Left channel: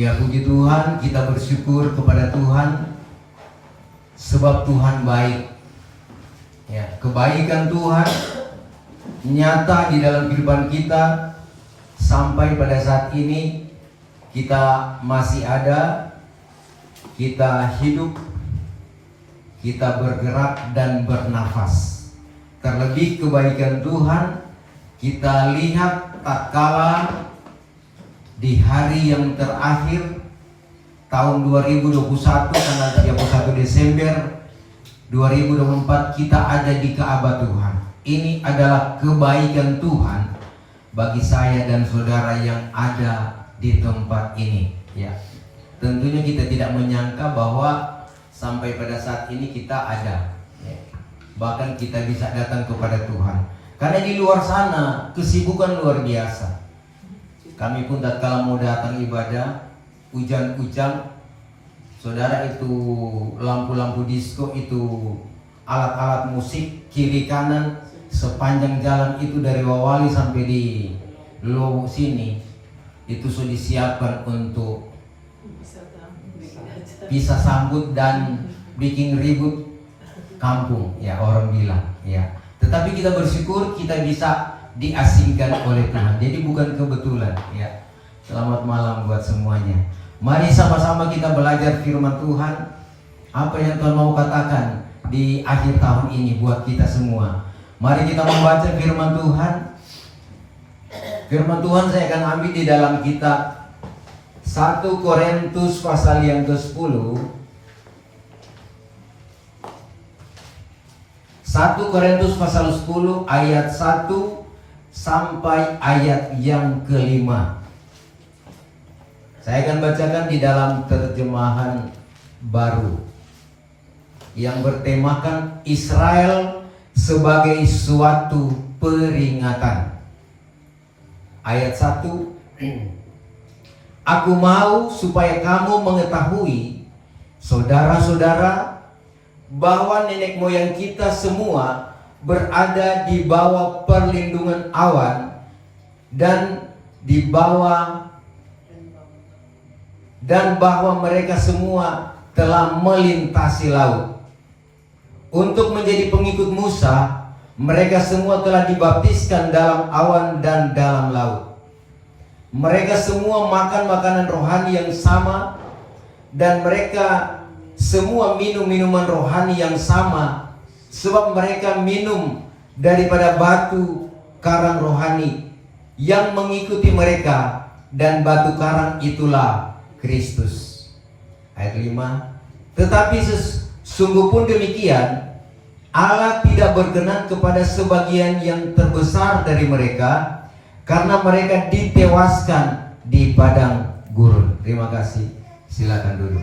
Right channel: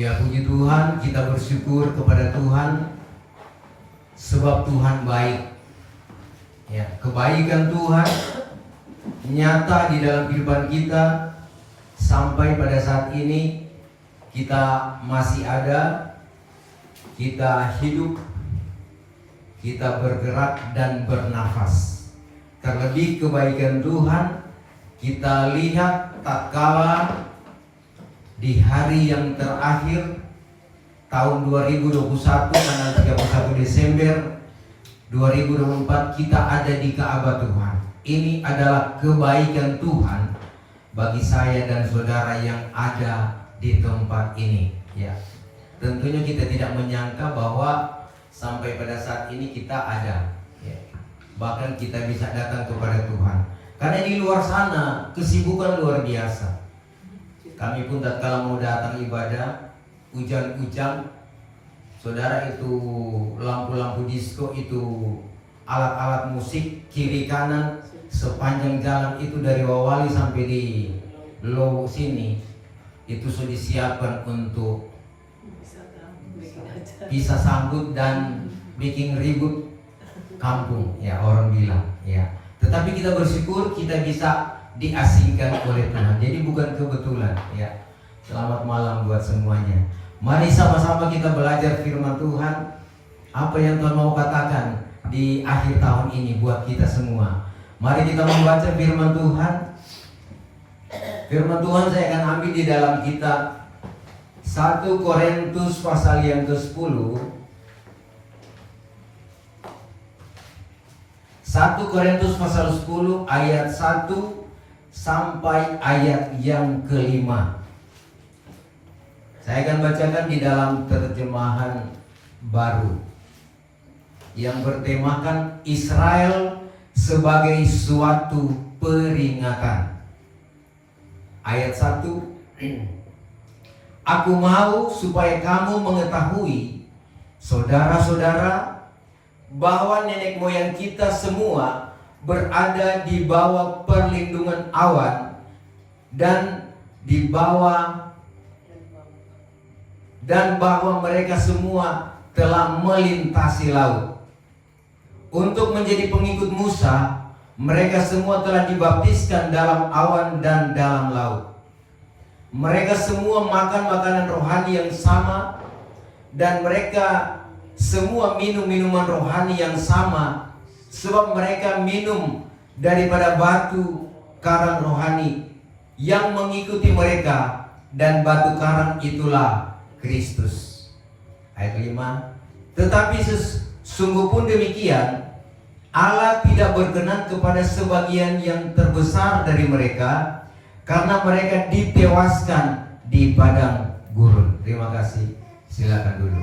Ya puji Tuhan, kita bersyukur kepada Tuhan sebab Tuhan baik. Ya, kebaikan Tuhan nyata di dalam kehidupan kita sampai pada saat ini kita masih ada, kita hidup, kita bergerak dan bernafas. Terlebih kebaikan Tuhan kita lihat tatkala di hari yang terakhir tahun 2021 tanggal 31 Desember 2024 kita ada di Ka'bah Tuhan. Ini adalah kebaikan Tuhan bagi saya dan saudara yang ada di tempat ini. Ya, tentunya kita tidak menyangka bahwa sampai pada saat ini kita ada. Ya. Bahkan kita bisa datang kepada Tuhan. Karena di luar sana kesibukan luar biasa. Kami pun tatkala mau datang ibadah, hujan-hujan, saudara, itu lampu-lampu disco, itu alat-alat musik kiri kanan sepanjang jalan itu dari Wawali sampai di Lowo sini itu sudah disiapkan untuk bisa sambut dan bikin ribut kampung, ya orang bilang, ya. Tetapi kita bersyukur kita bisa diasingkan oleh Tuhan. Jadi bukan kebetulan, ya. Selamat malam buat semuanya. Mari sama-sama kita belajar firman Tuhan. Apa yang Tuhan mau katakan di akhir tahun ini buat kita semua. Mari kita membaca firman Tuhan. Firman Tuhan saya akan ambil di dalam kitab 1 Korintus pasal yang ke-10. 1 Korintus pasal 10 ayat 1 sampai ayat yang ke-5. Saya akan bacakan di dalam terjemahan baru yang bertemakan Israel sebagai suatu peringatan. Ayat 1. Aku mau supaya kamu mengetahui, saudara-saudara, bahwa nenek moyang kita semua berada di bawah perlindungan awan dan bahwa mereka semua telah melintasi laut. Untuk menjadi pengikut Musa, mereka semua telah dibaptiskan dalam awan dan dalam laut. Mereka semua makan makanan rohani yang sama, dan mereka semua minum minuman rohani yang sama, sebab mereka minum daripada batu karang rohani yang mengikuti mereka, dan batu karang itulah Kristus. Ayat 5. Tetapi sungguh pun demikian, Allah tidak berkenan kepada sebagian yang terbesar dari mereka, karena mereka ditewaskan di padang gurun. Terima kasih. Silakan dulu.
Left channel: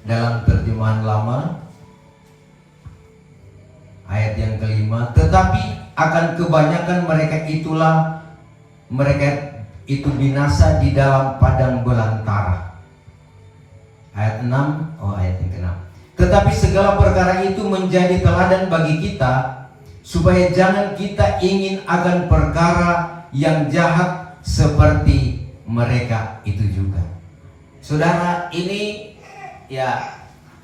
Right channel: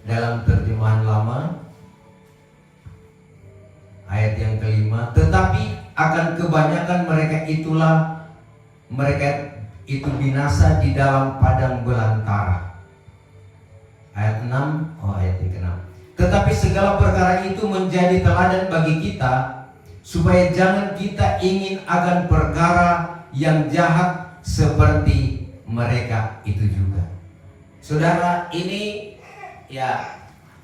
Dalam terjemahan lama ayat yang ke-5, tetapi akan kebanyakan mereka itu binasa di dalam padang belantara. Ayat 6, ayat yang ke-6. Tetapi segala perkara itu menjadi teladan bagi kita, supaya jangan kita ingin akan perkara yang jahat seperti mereka itu juga. Saudara, ini ya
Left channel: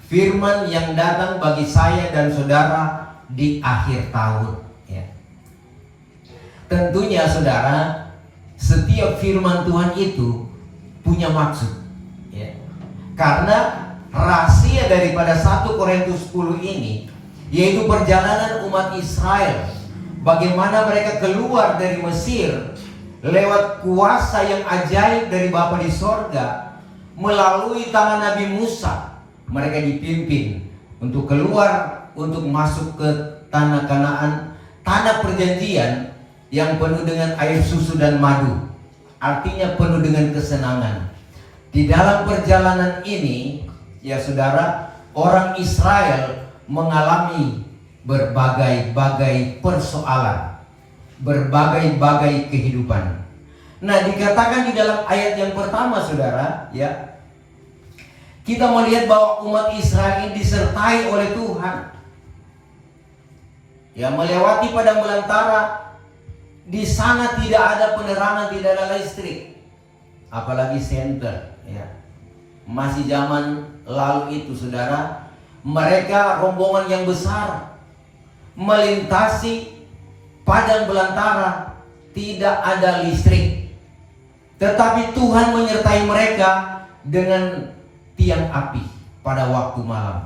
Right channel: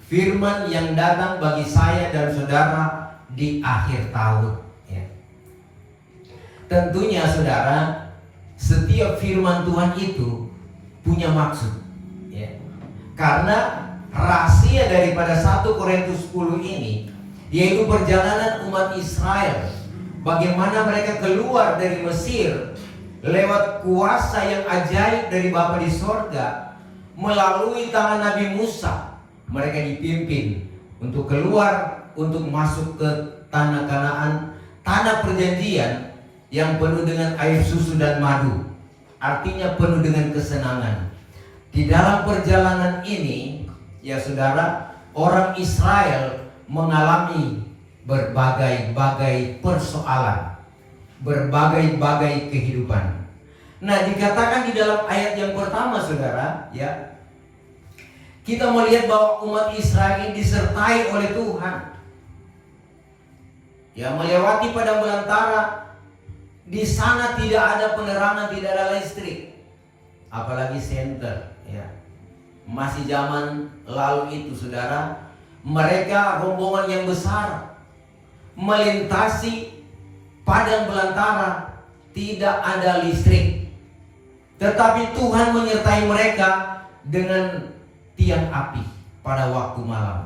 firman yang datang bagi saya dan saudara di akhir tahun, ya. Tentunya saudara, setiap firman Tuhan itu punya maksud, ya. Karena rahasia daripada 1 Korintus 10 ini yaitu perjalanan umat Israel, bagaimana mereka keluar dari Mesir lewat kuasa yang ajaib dari Bapa di sorga. Melalui tangan Nabi Musa, mereka dipimpin untuk keluar, untuk masuk ke tanah Kanaan, tanah perjanjian yang penuh dengan air susu dan madu. Artinya penuh dengan kesenangan. Di dalam perjalanan ini, ya saudara, orang Israel mengalami berbagai-bagai persoalan, berbagai-bagai kehidupan. Nah, dikatakan di dalam ayat yang pertama, saudara, ya, kita melihat bahwa umat Israel ini disertai oleh Tuhan. Ya, melewati padang belantara, di sana tidak ada penerangan, tidak ada listrik. apalagi senter, ya. Masih zaman lalu itu, saudara, mereka rombongan yang besar melintasi padang belantara, tidak ada listrik, tetapi Tuhan menyertai mereka dengan tiang api pada waktu malam.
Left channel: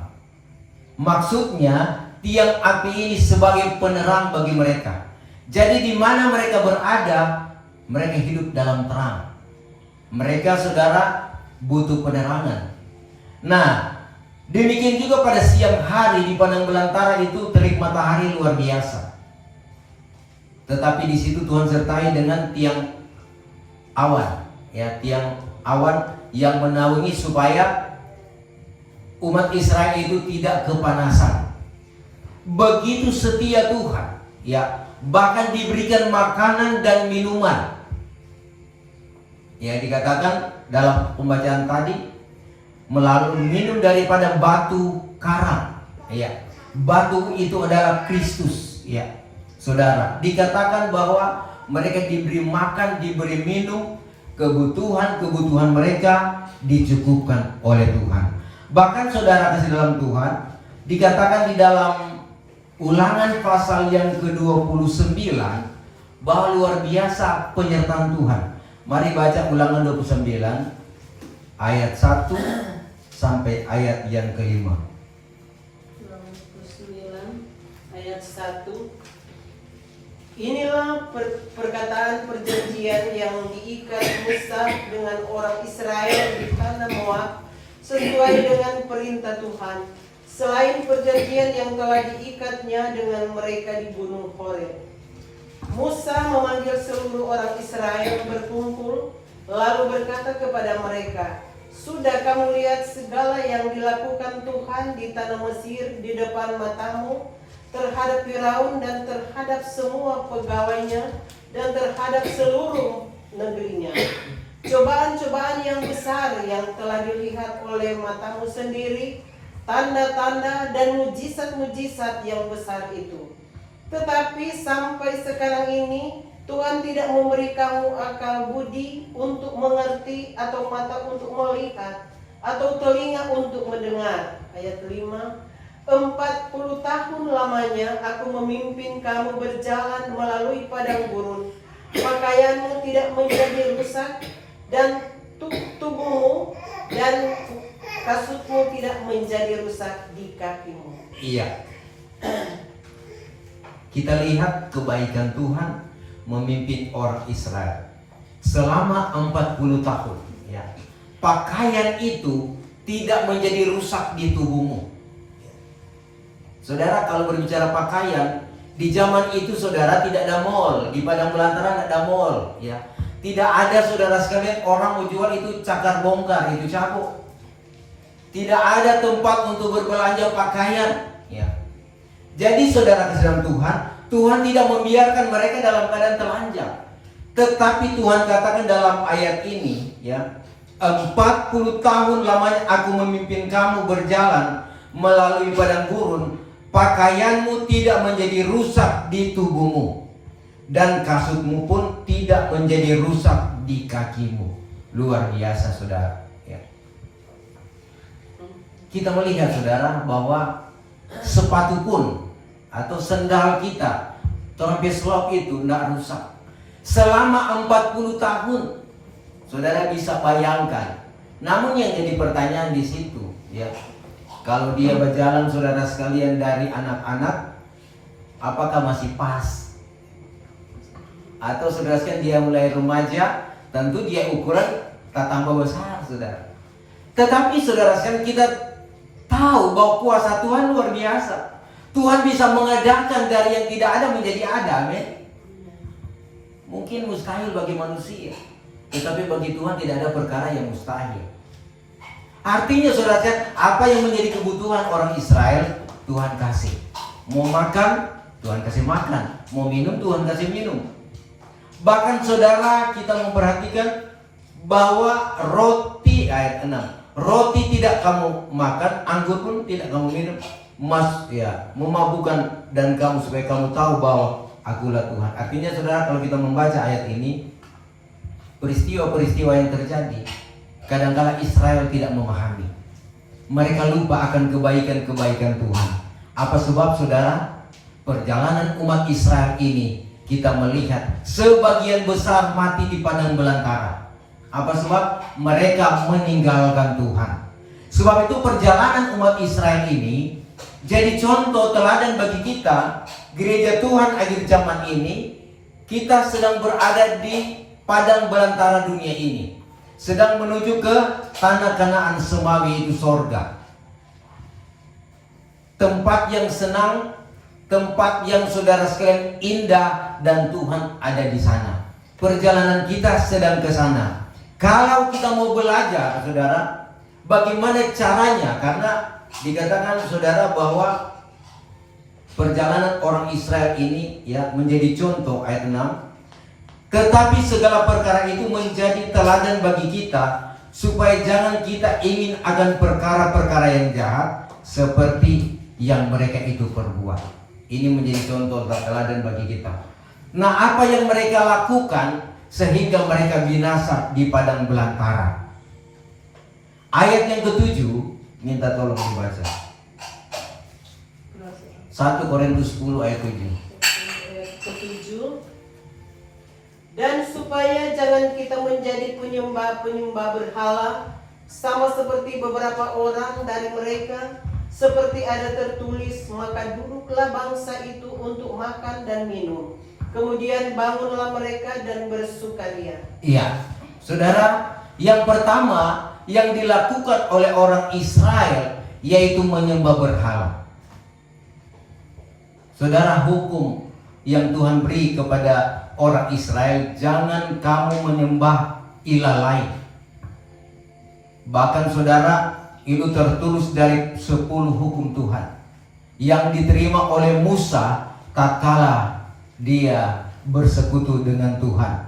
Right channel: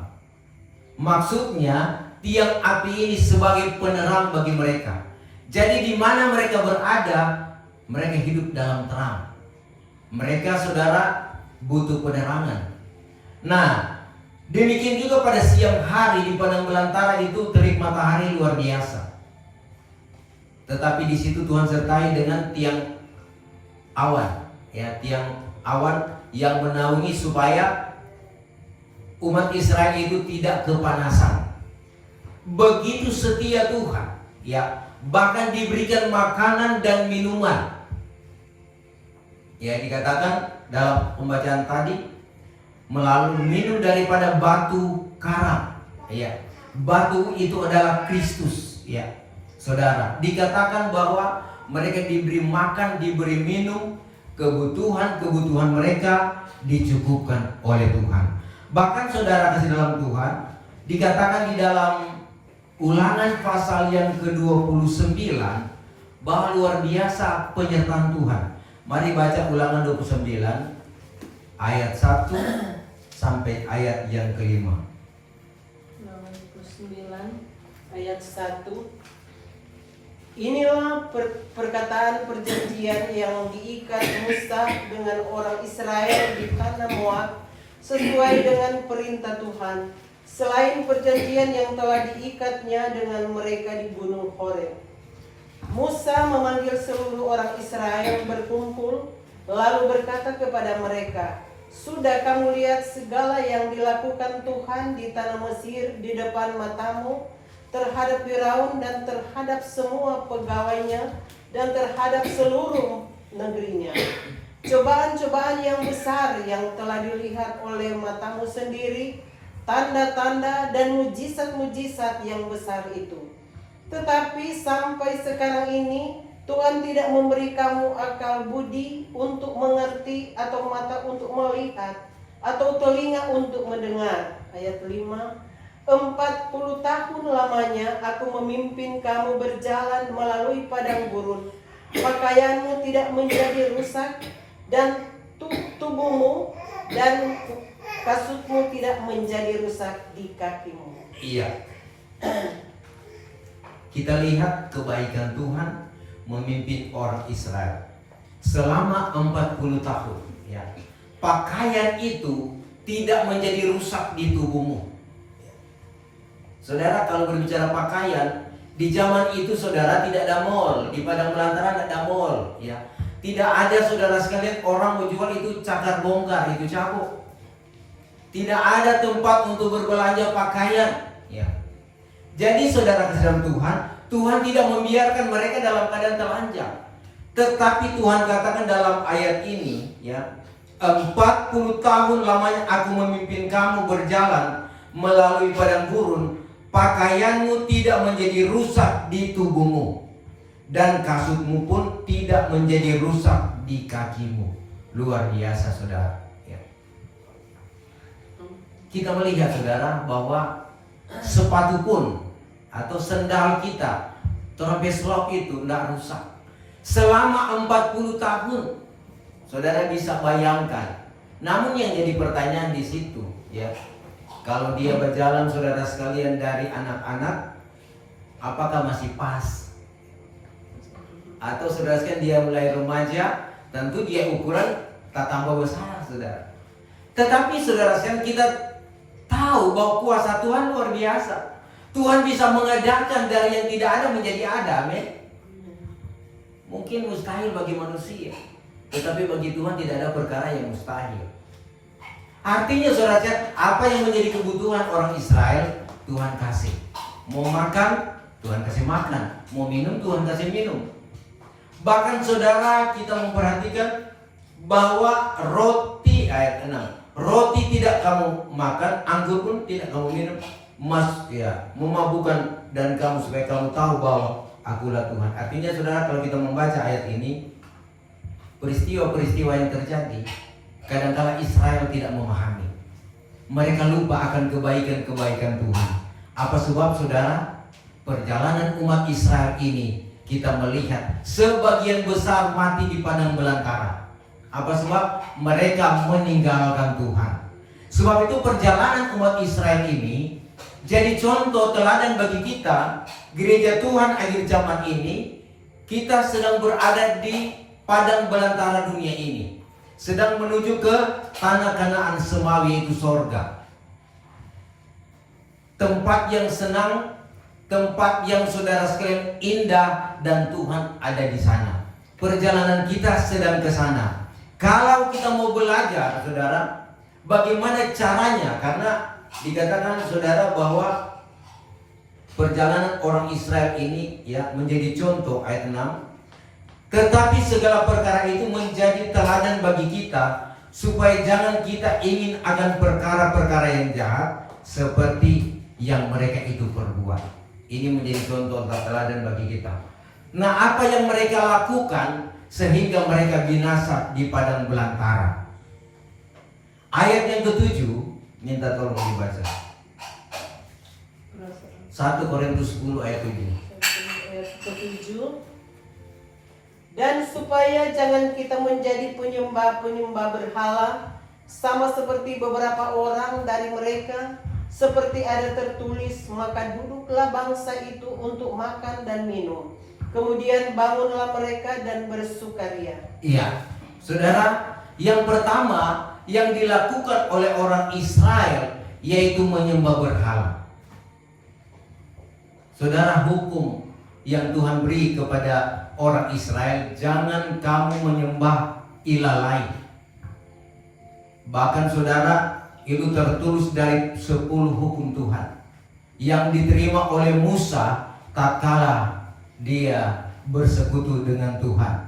Maksudnya tiang api ini sebagai penerang bagi mereka. Jadi di mana mereka berada, mereka hidup dalam terang. Mereka, saudara, butuh penerangan. Nah, demikian juga pada siang hari di padang belantara itu terik matahari luar biasa. Tetapi di situ Tuhan sertai dengan tiang awan, ya, tiang awan yang menaungi supaya umat Israel itu tidak kepanasan. Begitu setia Tuhan, ya, bahkan diberikan makanan dan minuman. Ya, dikatakan dalam pembacaan tadi, melalui minum daripada batu karang, ya. Batu itu adalah Kristus, ya. Saudara, dikatakan bahwa mereka diberi makan, diberi minum, kebutuhan mereka dicukupkan oleh Tuhan. Bahkan saudara kasih dalam Tuhan, dikatakan di dalam Ulangan pasal yang ke-29 bahwa luar biasa penyertaan Tuhan. Mari baca Ulangan 29 ayat 1 sampai ayat yang ke-5. 29 ayat 1. Inilah perkataan perjanjian yang diikat Musa dengan orang Israel di tanah Moab sesuai dengan perintah Tuhan, selain perjanjian yang telah diikatnya dengan mereka di Gunung Horeb. Musa memanggil seluruh orang Israel berkumpul, lalu berkata kepada mereka, "Sudah kamu lihat segala yang dilakukan Tuhan di tanah Mesir di depan matamu, terhadap Firaun dan terhadap semua pegawainya dan terhadap seluruh negerinya. Cobaan-cobaan yang besar yang telah dilihat oleh matamu sendiri, tanda-tanda dan mujizat-mujizat yang besar itu. Tetapi sampai sekarang ini Tuhan tidak memberi kamu akal budi untuk mengerti, atau mata untuk melihat, atau telinga untuk mendengar." Ayat 5. 40 tahun lamanya aku memimpin kamu berjalan melalui padang gurun. Pakaianmu tidak menjadi rusak, dan tubuhmu dan kasutmu tidak menjadi rusak di kakimu. Iya. Kita lihat kebaikan Tuhan memimpin orang Israel selama 40 tahun, ya. Pakaian itu tidak menjadi rusak di tubuhmu. Saudara, kalau berbicara pakaian, di zaman itu saudara tidak ada mall, di padang belantara tidak ada mall, ya. Tidak ada, saudara sekalian, orang mau jual itu cakar bongkar, itu cabut. Tidak ada tempat untuk berbelanja pakaian, ya. Jadi saudara kasih dalam Tuhan, Tuhan tidak membiarkan mereka dalam keadaan telanjang. Tetapi Tuhan katakan dalam ayat ini, ya, 40 tahun lamanya aku memimpin kamu berjalan melalui padang gurun, pakaianmu tidak menjadi rusak di tubuhmu, dan kasutmu pun tidak menjadi rusak di kakimu. Luar biasa, saudara, ya. Kita melihat, saudara, bahwa sepatu pun atau sendal kita, trompet itu tidak rusak selama 40 tahun. Saudara bisa bayangkan. Namun yang jadi pertanyaan di situ, ya, kalau dia berjalan, saudara sekalian, dari anak-anak, apakah masih pas? Atau saudara sekalian dia mulai remaja, tentu dia ukuran tak tambah besar, saudara. Tetapi saudara sekalian, kita tahu bahwa kuasa Tuhan luar biasa. Tuhan bisa mengadakan dari yang tidak ada menjadi ada, amin. Mungkin mustahil bagi manusia, tetapi bagi Tuhan tidak ada perkara yang mustahil. Artinya saudara sekalian, apa yang menjadi kebutuhan orang Israel, Tuhan kasih. Mau makan, Tuhan kasih makan. Mau minum, Tuhan kasih minum. Bahkan saudara, kita memperhatikan bahwa roti, ayat 6, roti tidak kamu makan, anggur pun tidak kamu minum, memabukkan dan kamu, supaya kamu tahu bahwa akulah Tuhan. Artinya saudara, kalau kita membaca ayat ini, peristiwa-peristiwa yang terjadi, kadang-kala Israel tidak memahami. Mereka lupa akan kebaikan-kebaikan Tuhan. Apa sebab, saudara? Perjalanan umat Israel ini kita melihat sebagian besar mati di padang belantara. Apa sebab? Mereka meninggalkan Tuhan. Sebab itu perjalanan umat Israel ini jadi contoh teladan bagi kita. Gereja Tuhan akhir zaman ini, kita sedang berada di padang belantara dunia ini, sedang menuju ke tanah Kanaan semawi, itu sorga. Tempat yang senang, tempat yang saudara sekalian indah, dan Tuhan ada di sana. Perjalanan kita sedang ke sana. Kalau kita mau belajar, saudara, bagaimana caranya? Karena dikatakan, saudara, bahwa perjalanan orang Israel ini ya menjadi contoh, ayat 6. Tetapi segala perkara itu menjadi teladan bagi kita, supaya jangan kita ingin akan perkara-perkara yang jahat seperti yang mereka itu perbuat. Ini menjadi contoh teladan bagi kita. Nah, apa yang mereka lakukan sehingga mereka binasa di padang belantara? Ayat yang ke-7, minta tolong dibaca. 1 Korintus 10 ayat 7. Ayat ke-7. Dan supaya jangan kita menjadi penyembah-penyembah berhala, sama seperti beberapa orang dari mereka, seperti ada tertulis, maka duduklah bangsa itu untuk makan dan minum. Kemudian bangunlah mereka dan bersukaria. Iya, saudara, yang pertama yang dilakukan oleh orang Israel yaitu menyembah berhala. Saudara, hukum yang Tuhan beri kepada orang Israel, jangan kamu menyembah ilah lain. Bahkan, saudara, itu tertulis dari 10 hukum Tuhan yang diterima oleh Musa tatkala dia bersekutu dengan Tuhan.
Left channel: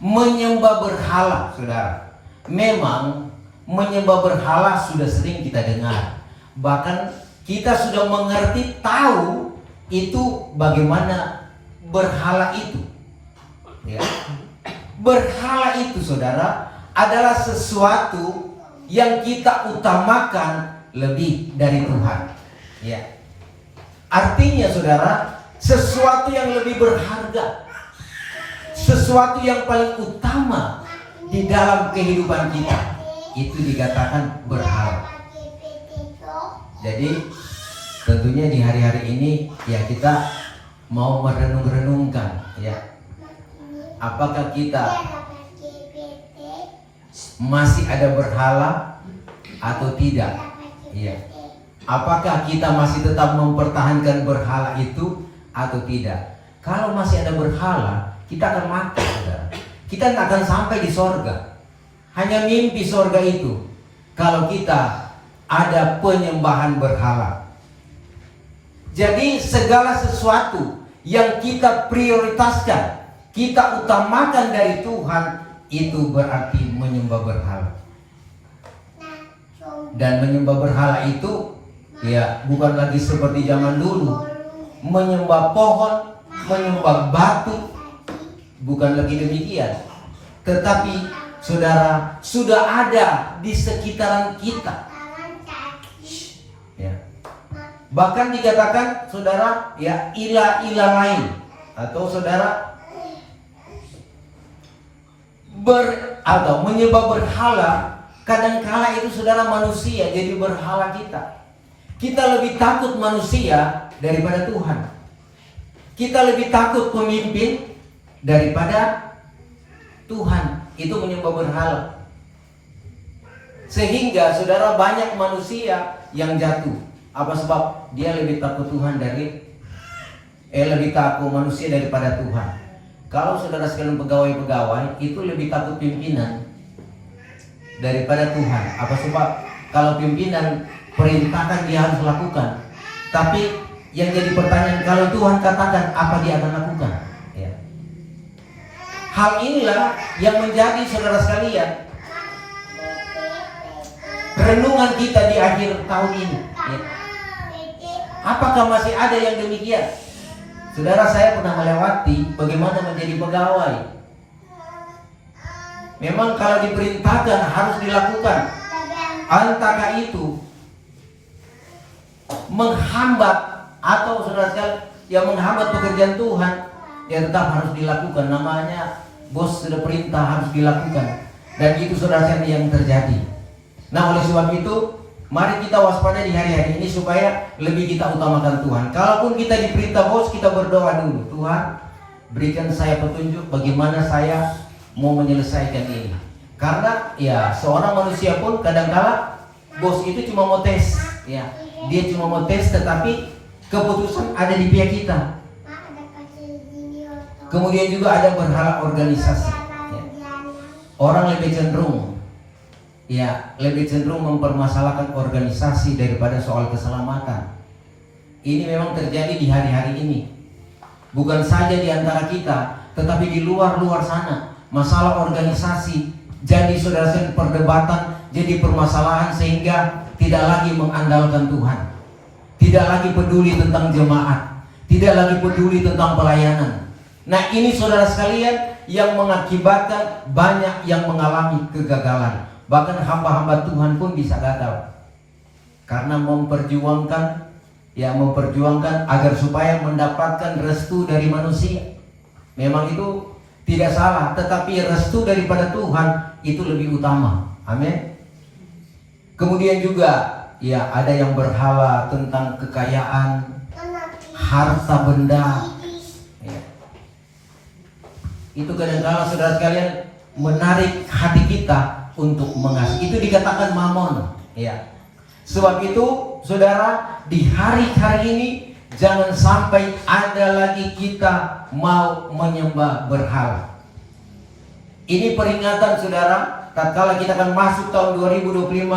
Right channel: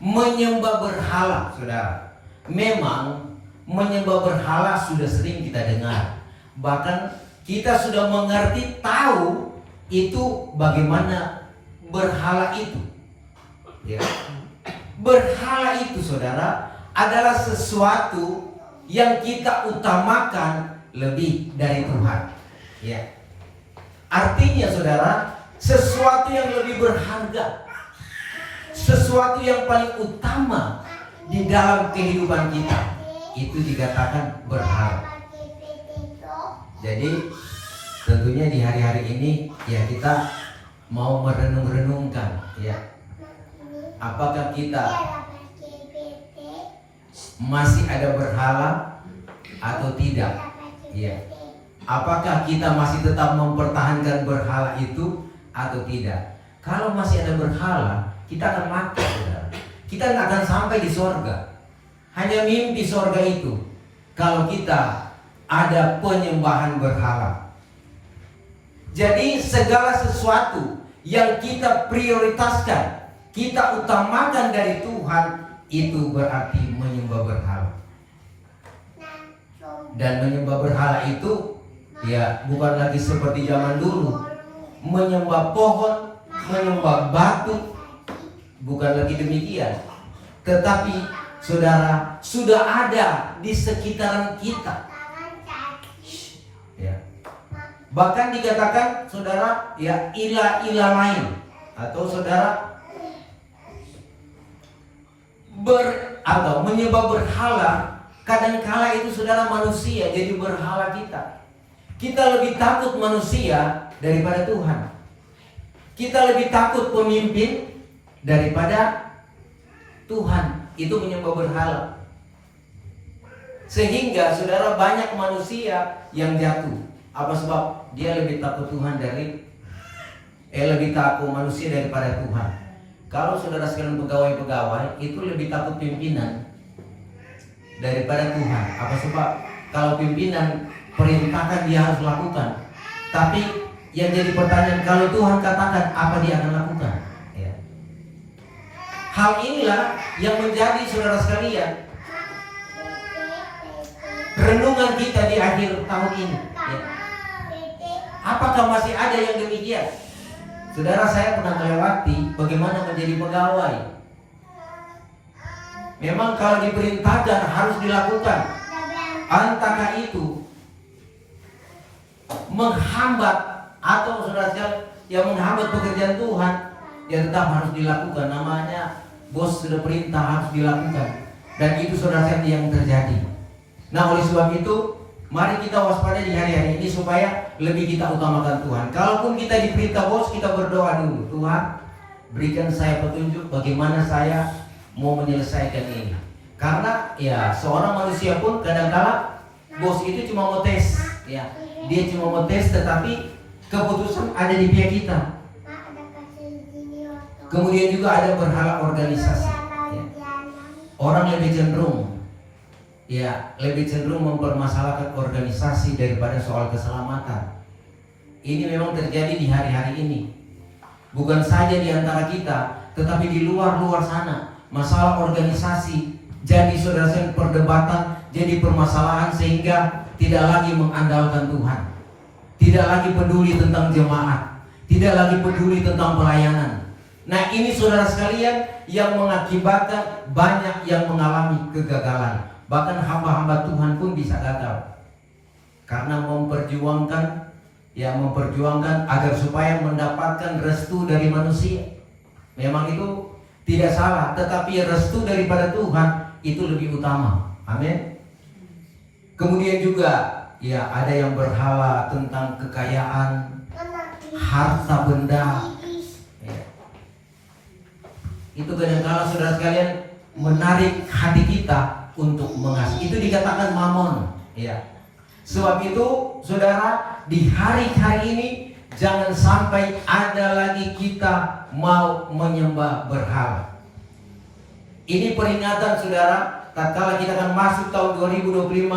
Menyembah berhala, saudara, memang menyembah berhala sudah sering kita dengar. Bahkan kita sudah mengerti, tahu itu bagaimana berhala itu. Ya. Berhala itu, saudara, adalah sesuatu yang kita utamakan lebih dari Tuhan. Ya. Artinya, saudara, sesuatu yang lebih berharga, sesuatu yang paling utama di dalam kehidupan kita, itu dikatakan berhala. Jadi tentunya di hari-hari ini ya kita mau merenung-renungkan, ya, apakah kita masih ada berhala atau tidak? Ya. Apakah kita masih tetap mempertahankan berhala itu atau tidak? Kalau masih ada berhala, kita akan mati, saudara. Kita tidak akan sampai di sorga. Hanya mimpi sorga itu kalau kita ada penyembahan berhala. Jadi segala sesuatu yang kita prioritaskan, kita utamakan dari Tuhan, itu berarti menyembah berhala. Dan menyembah berhala itu ya bukan lagi seperti zaman dulu, menyembah pohon, menyembah batu, bukan lagi demikian. Tetapi, saudara, sudah ada di sekitaran kita. Ya. Bahkan dikatakan, saudara, ya, ilah-ilah lain, atau saudara atau menyembah berhala. Kadangkala itu, saudara, manusia jadi berhala kita. Kita lebih takut manusia daripada Tuhan. Kita lebih takut pemimpin daripada Tuhan. Itu menyembah berhala. Sehingga, saudara, banyak manusia yang jatuh. Apa sebab? Dia lebih takut Tuhan lebih takut manusia daripada Tuhan. Kalau saudara sekalian pegawai-pegawai itu lebih takut pimpinan daripada Tuhan. Apa sebab? Kalau pimpinan perintahkan, dia harus lakukan. Tapi yang jadi pertanyaan, kalau Tuhan katakan, apa dia akan lakukan? Ya. Hal inilah yang menjadi, saudara sekalian, renungan kita di akhir tahun ini. Ya. Apakah masih ada yang demikian? Saudara, saya pernah melewati bagaimana menjadi pegawai. Memang kalau diperintahkan harus dilakukan. Antara itu menghambat atau saudara sekalian yang menghambat pekerjaan Tuhan, ya tetap harus dilakukan. Namanya bos sudah perintah harus dilakukan. Dan itu saudara sekalian yang terjadi. Nah, oleh sebab itu mari kita waspada di hari-hari ini supaya lebih kita utamakan Tuhan. Kalaupun kita diperintah bos, kita berdoa dulu. Tuhan, berikan saya petunjuk bagaimana saya mau menyelesaikan ini. Karena ya seorang manusia pun kadang-kala bos itu cuma mau tes, ya. Dia cuma mau tes, tetapi keputusan ada di pihak kita. Kemudian juga ada berhala organisasi, ya. Orang lebih cenderung mempermasalahkan organisasi daripada soal keselamatan. Ini memang terjadi di hari-hari ini. Bukan saja di antara kita, tetapi di luar sana. Masalah organisasi jadi saudara-saudara perdebatan, jadi permasalahan sehingga tidak lagi mengandalkan Tuhan. Tidak lagi peduli tentang jemaat, tidak lagi peduli tentang pelayanan. Nah, ini saudara sekalian yang mengakibatkan banyak yang mengalami kegagalan. Bahkan hamba-hamba Tuhan pun bisa gagal karena memperjuangkan agar supaya mendapatkan restu dari manusia. Memang itu tidak salah, tetapi restu daripada Tuhan itu lebih utama. Amin. Kemudian juga ya ada yang berhala tentang kekayaan, harta benda. Ya. Itu kadang-kala saudara sekalian menarik hati kita untuk mengasihi. Itu dikatakan mamon. Ya. Sebab itu saudara, di hari-hari ini jangan sampai ada lagi kita mau menyembah berhala. Ini peringatan saudara, tatkala kita akan masuk tahun 2025,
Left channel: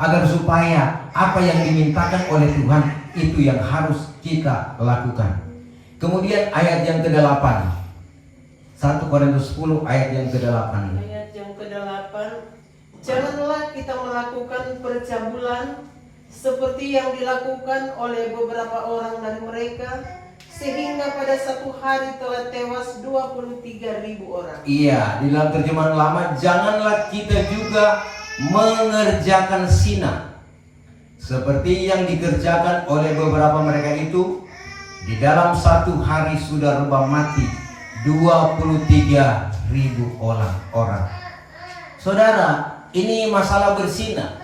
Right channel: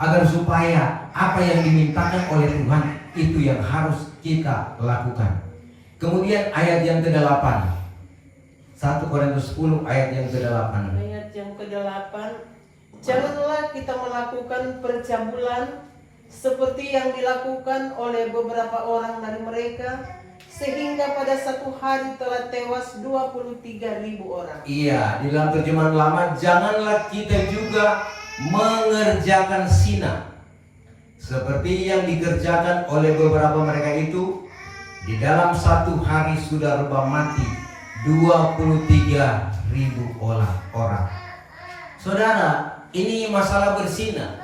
agar supaya apa yang dimintakan oleh Tuhan itu yang harus kita lakukan. Kemudian ayat yang ke-8, 1 Korintus 10 ayat yang ke-8. Ayat yang ke-8, janganlah kita melakukan percabulan seperti yang dilakukan oleh beberapa orang dari mereka, sehingga pada satu hari telah tewas 23.000 orang. Iya, di dalam terjemahan lama, janganlah kita juga mengerjakan zina seperti yang dikerjakan oleh beberapa mereka itu. Di dalam satu hari sudah rebah mati 23.000 orang. Saudara, ini masalah berzina.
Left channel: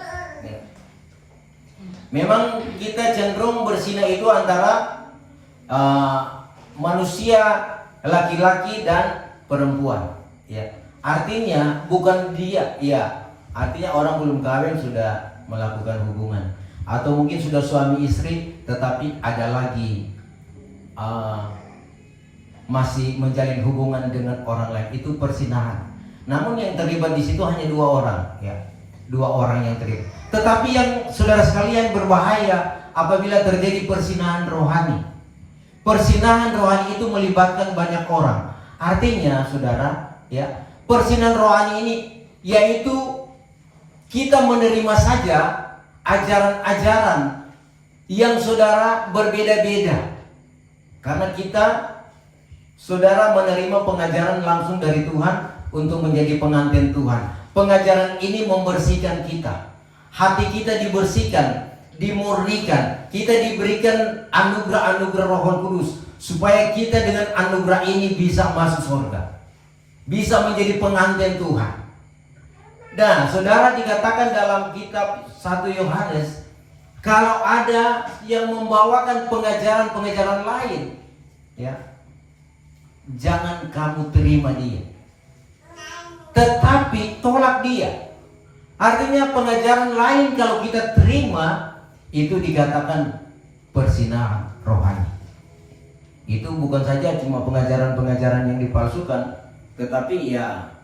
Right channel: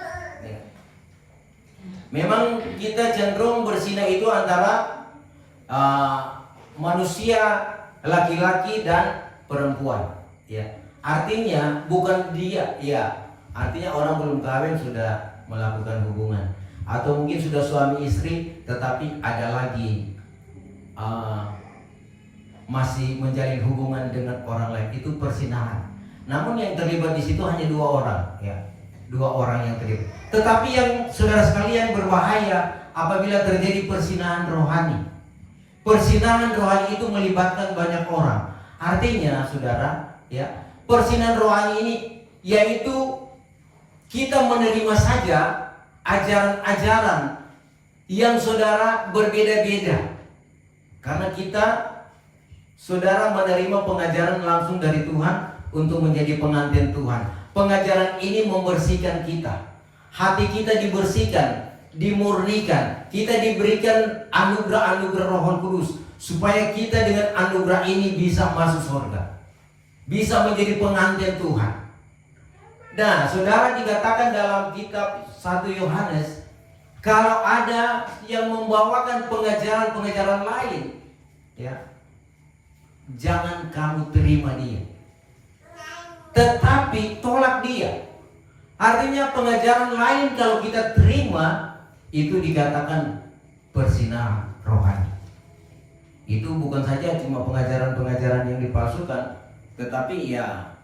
Memang kita cenderung berzina itu antara manusia laki-laki dan perempuan, ya. Artinya bukan dia, ya. Artinya orang belum kawin sudah melakukan hubungan, atau mungkin sudah suami istri tetapi ada lagi masih menjalin hubungan dengan orang lain, itu perzinahan. Namun yang terlibat di situ hanya 2 orang, ya. 2 orang yang terlibat. Tetapi yang saudara sekalian berbahaya apabila terjadi perzinahan rohani. Perzinahan rohani itu melibatkan banyak orang. Artinya saudara, ya, perzinahan rohani ini yaitu kita menerima saja ajaran-ajaran yang saudara berbeda-beda. Karena kita saudara menerima pengajaran langsung dari Tuhan untuk menjadi pengantin Tuhan. Pengajaran ini membersihkan kita. Hati kita dibersihkan, dimurnikan. Kita diberikan anugerah-anugerah Roh Kudus supaya kita dengan anugerah ini bisa masuk surga. Bisa menjadi pengantin Tuhan. Dan saudara, dikatakan dalam kitab 1 Yohanes, kalau ada yang membawakan pengajaran-pengajaran lain, ya, jangan kamu terima dia, tetapi tolak dia. Artinya pengajaran lain kalau kita terima, itu dikatakan perzinahan rohani. Itu bukan saja cuma pengajaran-pengajaran yang dipalsukan, tetapi ya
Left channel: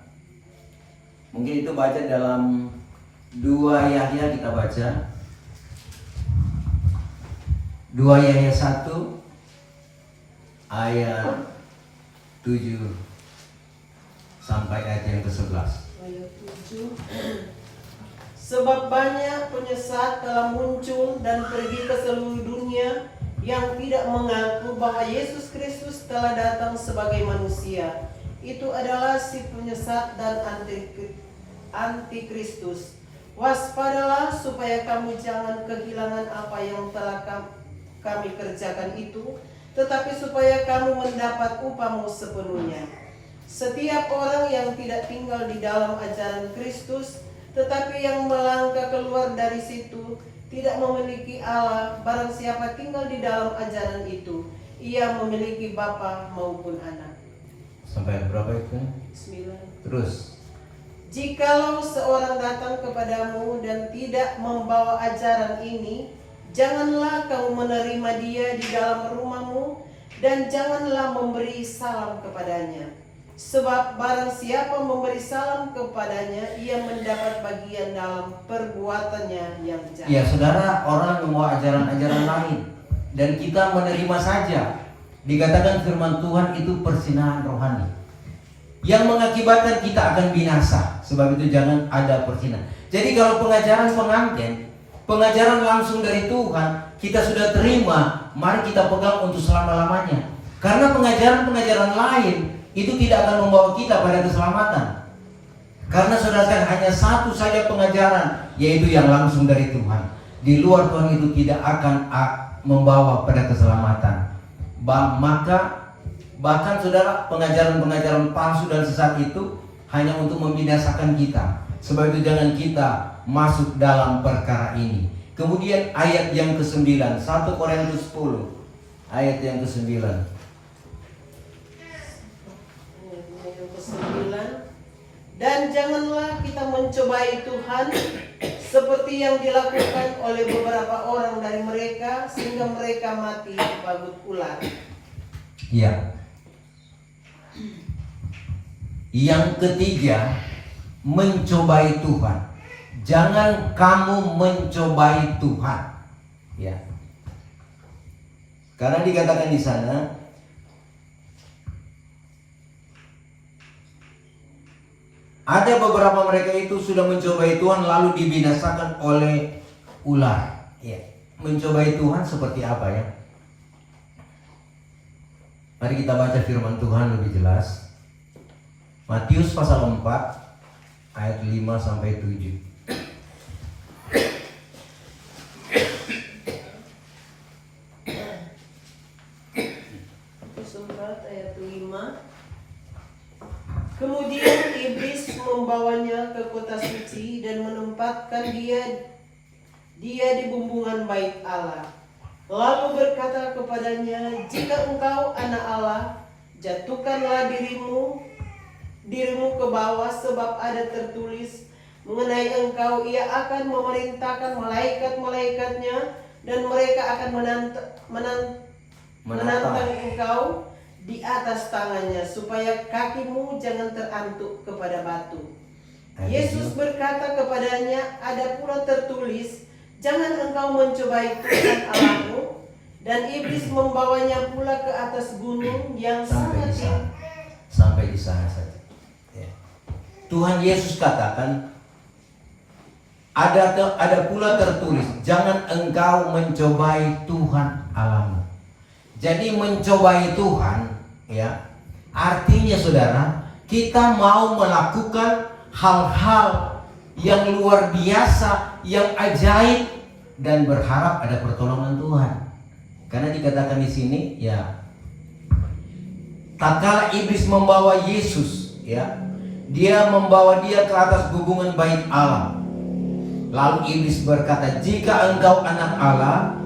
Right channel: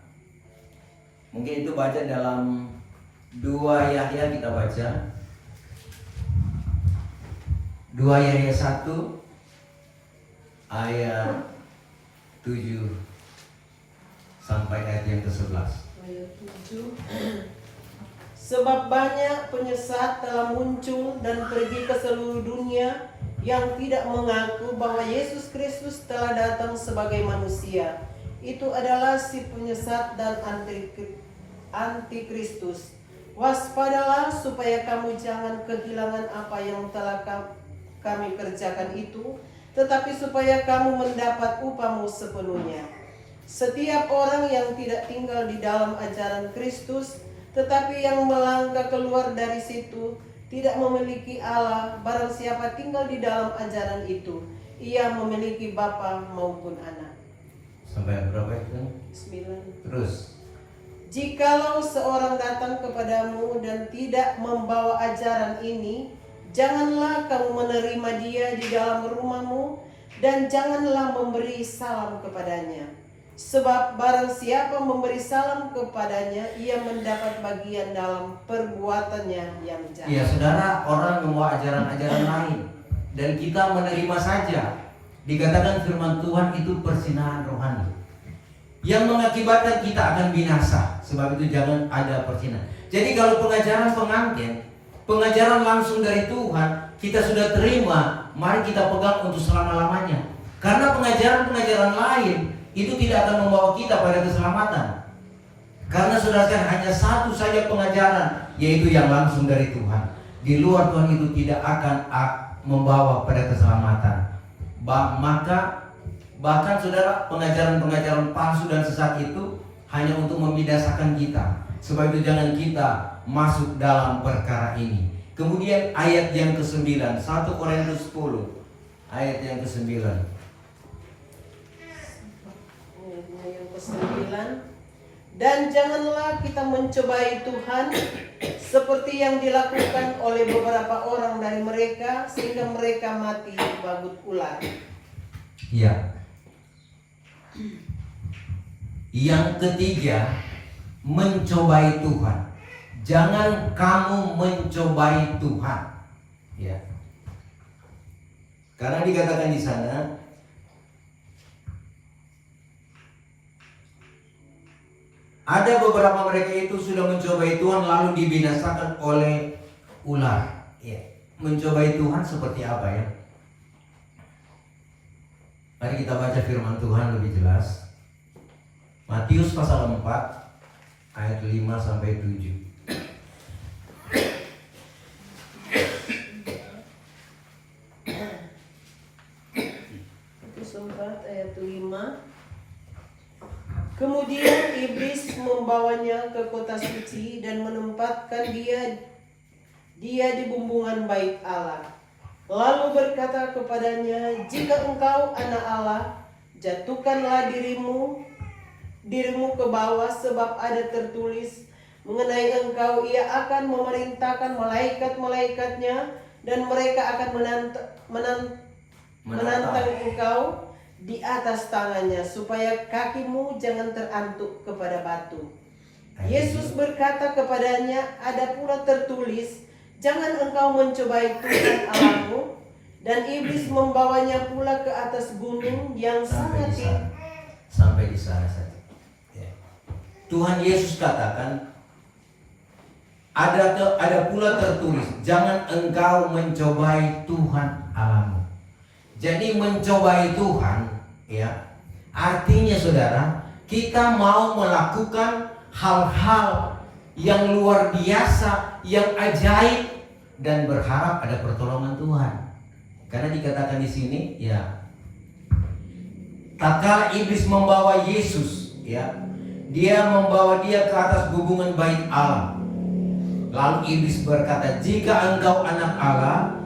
mungkin itu baca dalam 2 Yahya, kita baca 2 Yahya 1 ayat 7 sampai ayat yang ke-11. Ayat 7. Sebab banyak penyesat telah muncul dan pergi ke seluruh dunia yang tidak mengaku bahwa Yesus Kristus telah datang sebagai manusia. Itu adalah si penyesat dan antikristus. Waspadalah supaya kamu jangan kehilangan apa yang telah kami kerjakan itu, tetapi supaya kamu mendapat upahmu sepenuhnya. Setiap orang yang tidak tinggal di dalam ajaran Kristus, tetapi yang melangkah keluar dari situ, tidak memiliki Allah. Barang siapa tinggal di dalam ajaran itu, ia memiliki Bapa maupun Anak. Sampai berapa itu? 9. Terus. Jikalau seorang datang kepadamu dan tidak membawa ajaran ini, janganlah kamu menerima dia di dalam rumahmu, dan janganlah memberi salam kepadanya. Sebab barang siapa memberi salam kepadanya, ia mendapat bagian dalam perbuatannya yang jahat. Ya saudara, orang membawa ajaran-ajaran lain dan kita menerima saja. Dikatakan firman Tuhan itu persinahan rohani yang mengakibatkan kita akan binasa. Sebab itu jangan ada persinahan. Jadi kalau pengajaran pengantin, pengajaran langsung dari Tuhan, kita sudah terima, mari kita pegang untuk selama-lamanya. Karena pengajaran-pengajaran lain itu tidak akan membawa kita pada keselamatan. Karena saudara kan hanya satu saja pengajaran, yaitu yang langsung dari Tuhan. Di luar Tuhan itu tidak akan membawa pada keselamatan. Maka bahkan saudara, pengajaran-pengajaran palsu dan sesat itu hanya untuk membinasakan kita. Sebab itu jangan kita masuk dalam perkara ini. Kemudian ayat yang ke-9, 1 Korintus 10 ayat yang ke-9. Dan janganlah kita mencobai Tuhan seperti yang dilakukan oleh beberapa orang dari mereka, sehingga mereka mati dibagut ular. Ya. Yang ketiga, mencobai Tuhan. Jangan kamu mencobai Tuhan. Ya. Karena dikatakan di sana, ada beberapa mereka itu sudah mencobai Tuhan lalu dibinasakan oleh ular. Ya. Mencobai Tuhan seperti apa ya? Mari kita baca firman Tuhan lebih jelas. Matius pasal 4 ayat 5 sampai 7. Ayat 5. Kemudian iblis membawanya ke kota suci dan menempatkan dia di bumbungan bait Allah. Lalu berkata kepadanya, jika engkau anak Allah, jatuhkanlah dirimu ke bawah, sebab ada tertulis mengenai engkau, ia akan memerintahkan malaikat-malaikatnya, dan mereka akan menantang engkau di atas tangannya, supaya kakimu jangan terantuk kepada batu. Yesus berkata kepadanya, ada pula tertulis, jangan engkau mencobai Tuhan Allahmu. Dan iblis membawanya pula ke atas gunung yang sangat tinggi. Sampai di sana saja. Ya. Tuhan Yesus katakan, ada pula tertulis, jangan engkau mencobai Tuhan Allahmu. Jadi mencobai Tuhan, ya, artinya saudara, kita mau melakukan hal-hal yang luar biasa, yang ajaib, dan berharap ada pertolongan Tuhan. Karena dikatakan di sini, ya, tatkala iblis membawa Yesus, ya, dia membawa dia ke atas hubungan bait Allah. Lalu iblis berkata, jika engkau anak Allah,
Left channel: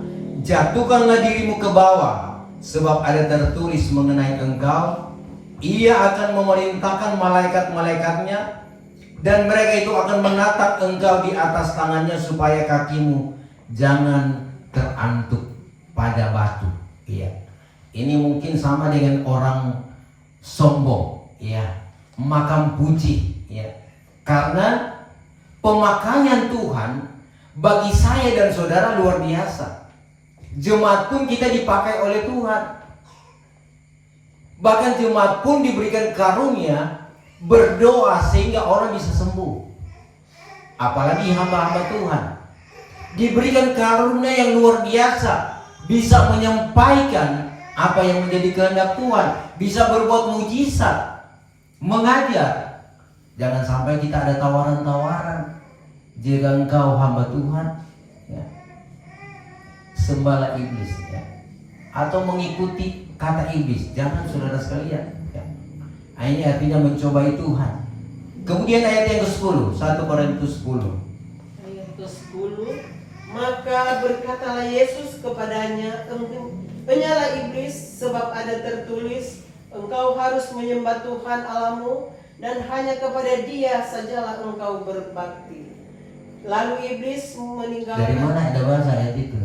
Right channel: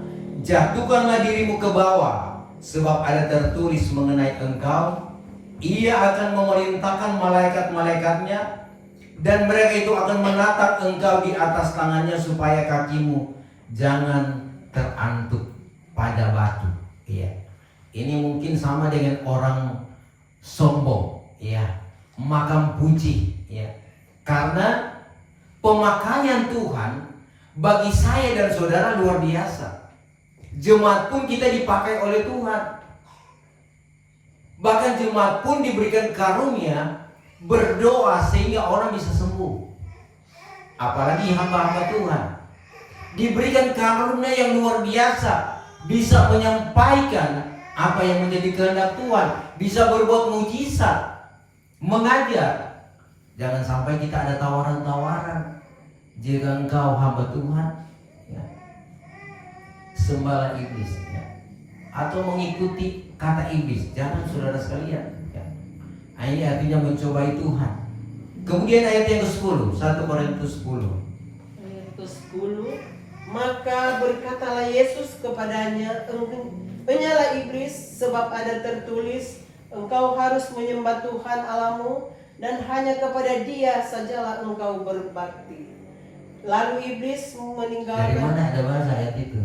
jatuhkanlah dirimu ke bawah, sebab ada tertulis mengenai engkau, ia akan memerintahkan malaikat-malaikatnya, dan mereka itu akan menatap engkau di atas tangannya, supaya kakimu jangan terantuk pada batu. Iya. Ini mungkin sama dengan orang sombong, ya, makam puji, ya. Karena pemakaian Tuhan bagi saya dan saudara luar biasa. Jemaat pun kita dipakai oleh Tuhan. Bahkan jemaat pun diberikan karunia berdoa sehingga orang bisa sembuh. Apalagi hamba-hamba Tuhan diberikan karunia yang luar biasa, bisa menyampaikan apa yang menjadi kehendak Tuhan, bisa berbuat mujizat, mengajar. Jangan sampai kita ada tawaran-tawaran. Jika engkau hamba Tuhan, ya, sembahlah iblis, ya. Atau mengikuti kata iblis. Jangan, saudara sekalian, ya. Ini artinya mencobai Tuhan. Kemudian ayat yang ke-10, 1 Korintus 10. Ayat ke-10, maka berkatalah Yesus kepadanya, "Enyalah iblis, sebab ada tertulis, engkau harus menyembah Tuhan Allahmu, dan hanya kepada Dia sajalah engkau berbakti." Lalu iblis meninggalkan. Dari mana ada bahasa ayat itu?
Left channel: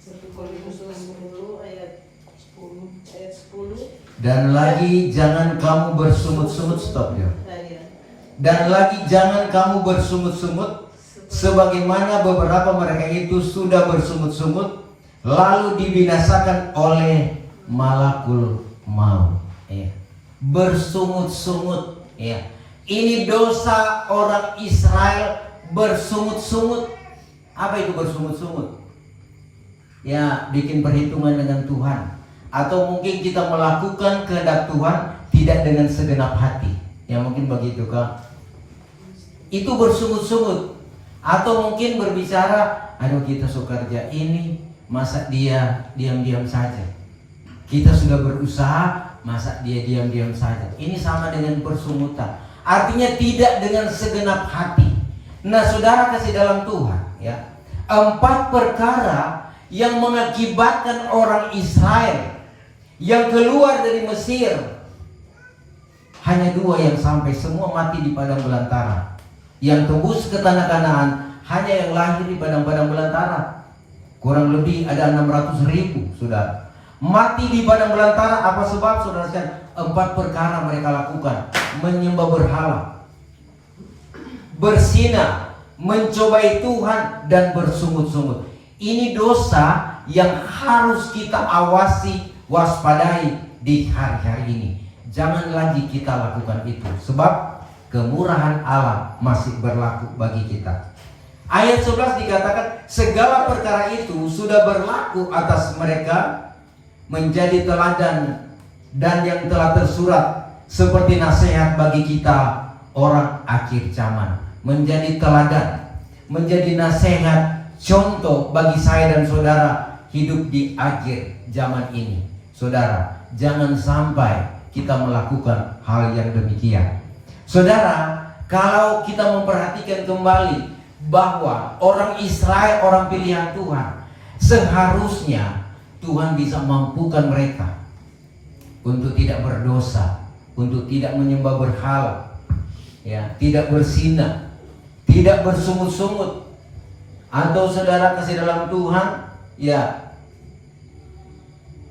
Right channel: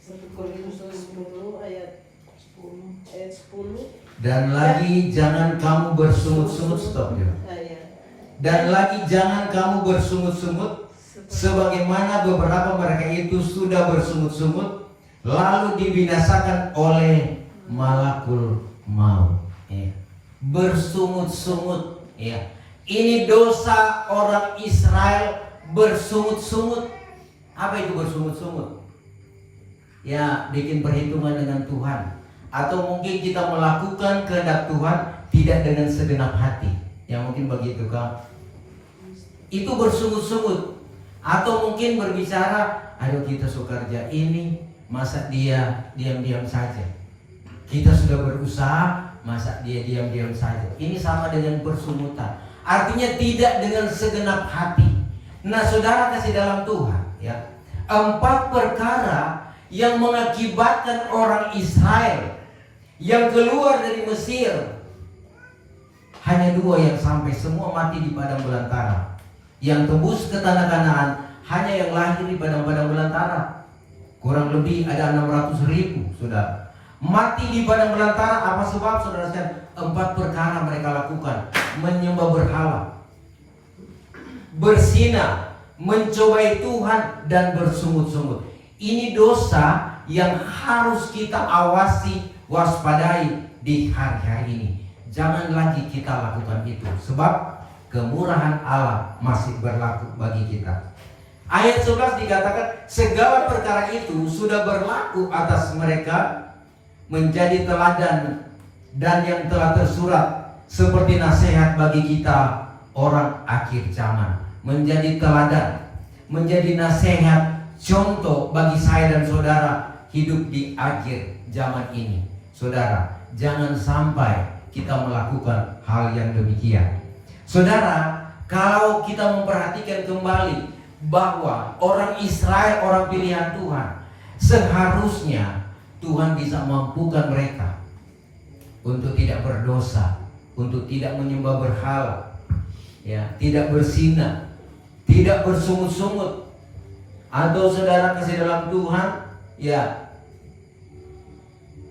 1 Korintus 10 ayat 10. Dan lagi jangan kamu bersungut-sungut, stop ya. Dan lagi jangan kamu bersungut-sungut sebagaimana beberapa mereka itu sudah bersungut-sungut lalu dibinasakan oleh malakul maut. Ya. Bersungut-sungut, ya. Ini dosa orang Israel, bersungut-sungut. Apa itu bersungut-sungut? Ya, bikin perhitungan dengan Tuhan. Atau mungkin kita melakukan kehendak Tuhan tidak dengan segenap hati. Ya mungkin begitu kan. Itu bersungut-sungut. Atau mungkin berbicara, aduh kita suka kerja ini, masa dia diam-diam saja. Kita sudah berusaha, masa dia diam-diam saja. Ini sama dengan bersungutan. Artinya tidak dengan segenap hati. Nah, saudara kasih dalam Tuhan, ya. 4 perkara yang mengakibatkan orang Israel yang keluar dari Mesir, hanya 2 yang sampai, semua mati di padang belantara. Yang tembus ke tanah Kanaan hanya yang lahir di padang-padang belantara. Kurang lebih ada 600.000, saudara. Mati di padang belantara. Apa sebab, saudara sekalian? 4 perkara mereka lakukan: menyembah berhala, berzina, mencobai Tuhan, dan bersungut-sungut. Ini dosa yang harus kita awasi, waspadai di hari-hari ini. Jangan lagi kita lakukan itu, sebab kemurahan Allah masih berlaku bagi kita. Ayat 11 dikatakan, segala perkara itu sudah berlaku atas mereka menjadi teladan dan yang telah tersurat seperti nasihat bagi kita orang akhir zaman. Menjadi teladan, menjadi nasihat, contoh bagi saya dan saudara hidup di akhir zaman ini. Saudara, jangan sampai kita melakukan hal yang demikian. Saudara, kalau kita memperhatikan kembali bahwa orang Israel, orang pilihan Tuhan, seharusnya Tuhan bisa mampukan mereka untuk tidak berdosa, untuk tidak menyembah berhala, ya, tidak berzina, tidak bersungut-sungut, atau saudara kasih dalam Tuhan, ya,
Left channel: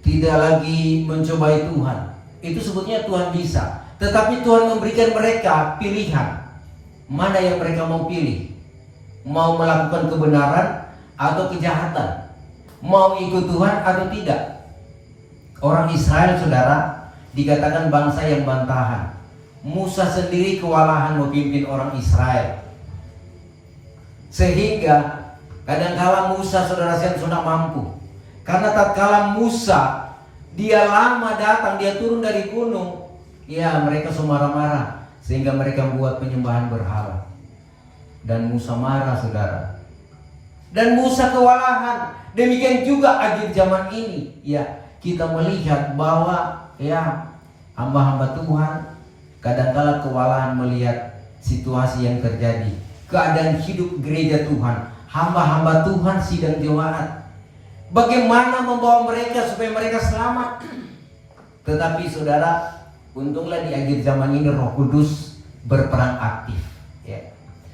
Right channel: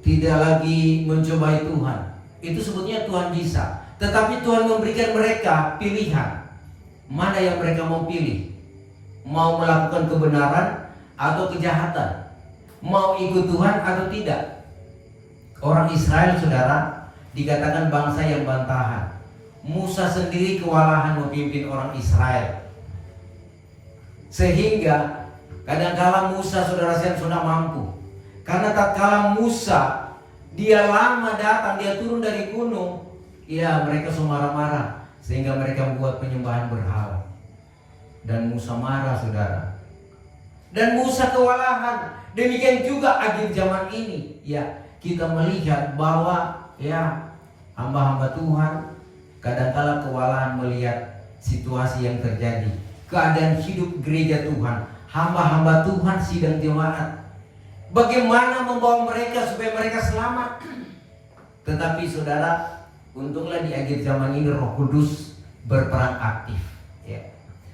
tidak lagi mencobai Tuhan. Itu sebetulnya Tuhan bisa, tetapi Tuhan memberikan mereka pilihan. Mana yang mereka mau pilih? Mau melakukan kebenaran atau kejahatan? Mau ikut Tuhan atau tidak? Orang Israel, saudara, dikatakan bangsa yang bantahan. Musa sendiri kewalahan memimpin orang Israel, sehingga kadangkala Musa, saudara sekalian, sudah mampu. Karena tatkala Musa dia lama datang, dia turun dari gunung, ya mereka semua marah-marah, sehingga mereka membuat penyembahan berhala. Dan Musa marah, saudara. Dan Musa kewalahan. Demikian juga akhir zaman ini, ya, kita melihat bahwa, ya, hamba-hamba Tuhan kadangkala kewalahan melihat situasi yang terjadi, keadaan hidup gereja Tuhan, hamba-hamba Tuhan sidang jemaat. Bagaimana membawa mereka supaya mereka selamat? Tetapi saudara, untunglah di akhir zaman ini Roh Kudus berperan aktif, ya.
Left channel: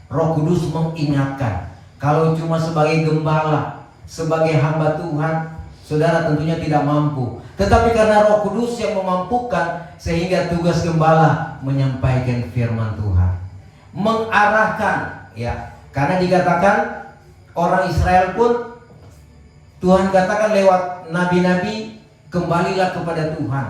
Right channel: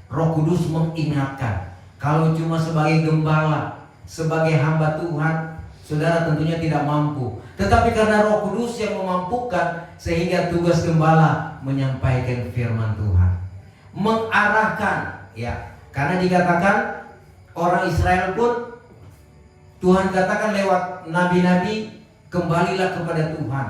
Roh Kudus mengingatkan. Kalau cuma sebagai gembala, sebagai hamba Tuhan, saudara tentunya tidak mampu. Tetapi karena Roh Kudus yang memampukan, sehingga tugas gembala menyampaikan firman Tuhan, mengarahkan, ya. Karena dikatakan orang Israel pun Tuhan katakan lewat nabi-nabi, kembalilah kepada Tuhan,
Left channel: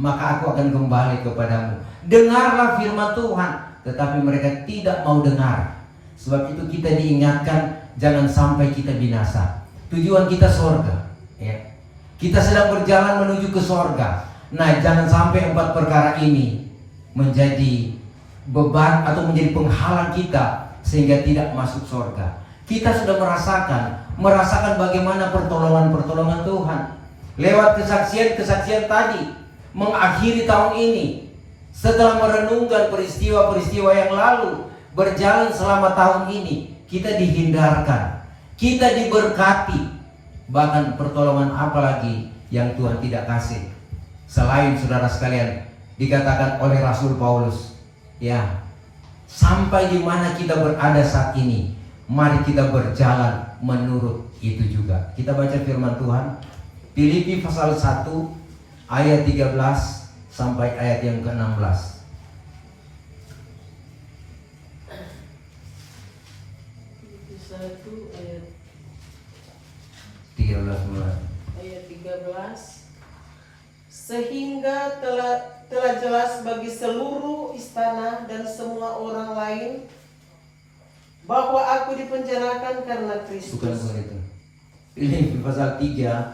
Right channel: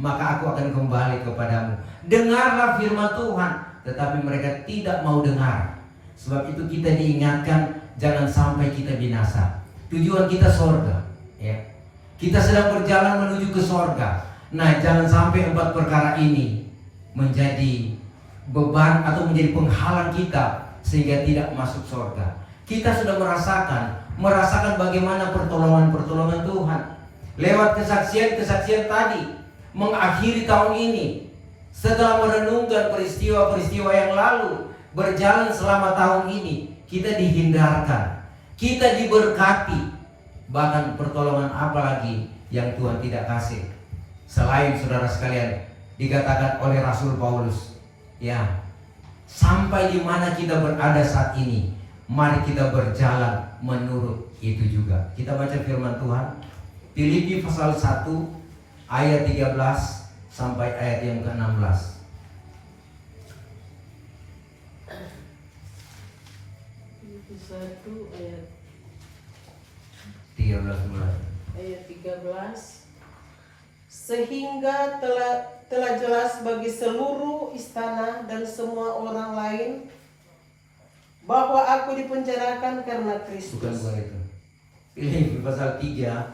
maka aku akan kembali kepadamu. Dengarlah firman Tuhan, tetapi mereka tidak mau dengar. Sebab itu kita diingatkan, jangan sampai kita binasa. Tujuan kita sorga, ya. Kita sedang berjalan menuju ke sorga. Nah, jangan sampai 4 perkara ini menjadi beban atau menjadi penghalang kita sehingga tidak masuk surga. Kita sudah merasakan bagaimana pertolongan Tuhan lewat kesaksian tadi mengakhiri tahun ini. Setelah merenungkan peristiwa-peristiwa yang lalu berjalan selama tahun ini, kita dihindarkan, kita diberkati. Bahkan pertolongan apa lagi yang Tuhan tidak kasih selain, saudara sekalian, dikatakan oleh Rasul Paulus, ya, sampai di mana kita berada saat ini, mari kita berjalan menurut itu juga. Kita baca firman Tuhan, Filipi pasal 1 ayat 13 sampai ayat yang ke-16. Ayat 13. Sehingga telah jelas bagi seluruh istana dan semua orang lain bahwa aku dipenjarakan karena Kristus. Bukan itu. Filipi pasal 3